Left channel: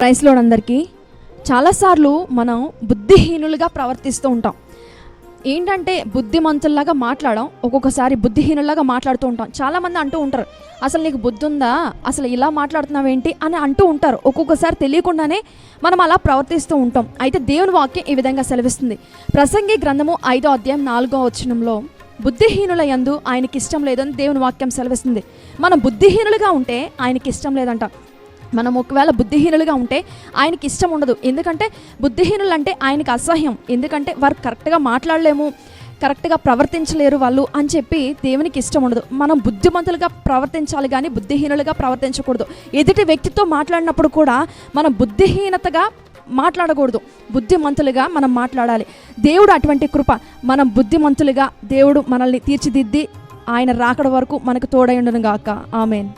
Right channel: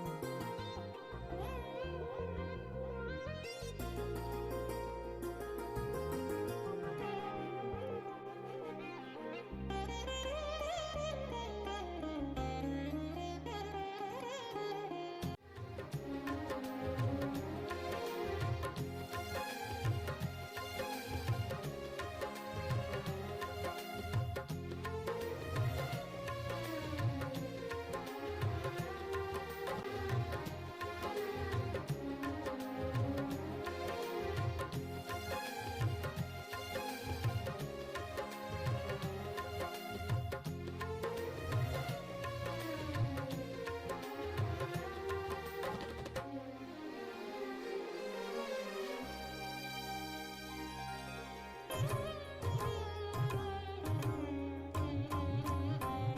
ప్రైస్లో అందరికీ. చాలాసార్లు మనం బుద్ధిహీనులుగా ప్రవర్తిస్తూ ఉంటాం. ఏంటంటే బుద్ధిమంతుల్లాగా మాట్లాడడం ఒక్కొక్కసారి బుద్ధిహీనులాగా మాట్లాడుతూ ఉంటాం. చాలామంది అంటూ ఉంటారు అసలు నీకు బుద్ధి ఉందా అసలు ఇలా మాట్లాడుతున్నావేంటి? అని అంటూ ఉంటారు. ఒక్కొక్కసారి తెలియకుండానే మనం అలా ప్రవర్తిస్తూ ఉంటాం. అయితే దేవుని వాక్యం ఈ విధంగా సెలవిస్తుంది. ప్రసంగి గ్రంథము ఐదో అధ్యాయం నాలుగో వచనంలో బుద్ధిహీనుల యందు ఆయనకి ఇష్టం లేదని దేవుని వాక్యం సెలవిస్తుంది. మనం బుద్ధిహీనులుగా ఉంటే ఆయనకి ఇష్టం లేదంట. మనం ఒకవేళ బుద్ధిహీనులుగా ఉంటే ఆయనకి ఇష్టం ఉండదు. ఎందుకంటే బుద్ధిహీనులు అంటే ఆయనకి అసహ్యం. ఎందుకంటే వారు కరెక్ట్గా మాట్లాడలేము కరెక్ట్గా ప్రవర్తించలేరు వాళ్ళు అని చెప్పి దేవునికి ఇష్టం ఉండదు. మనం బుద్ధిమంతులుగా ప్రవర్తించాలి కానీ బుద్ధిహీనులుగా ప్రవర్తించకూడదు. ఎదుటి వ్యక్తితో మాట్లాడినప్పుడు కూడా మనం బుద్ధిహీనతగా మాట్లాడకూడదు. బుద్ధిమంతులుగా మనం మాట్లాడాలి. దేవుడు అటువంటి కృప. మనం బుద్ధిమంతులుగా దేవుడు మనల్ని తీర్చిదిద్ది ఆయన రాకడ వరకు మనకు తోడై ఉండను గాక ఆమెన్.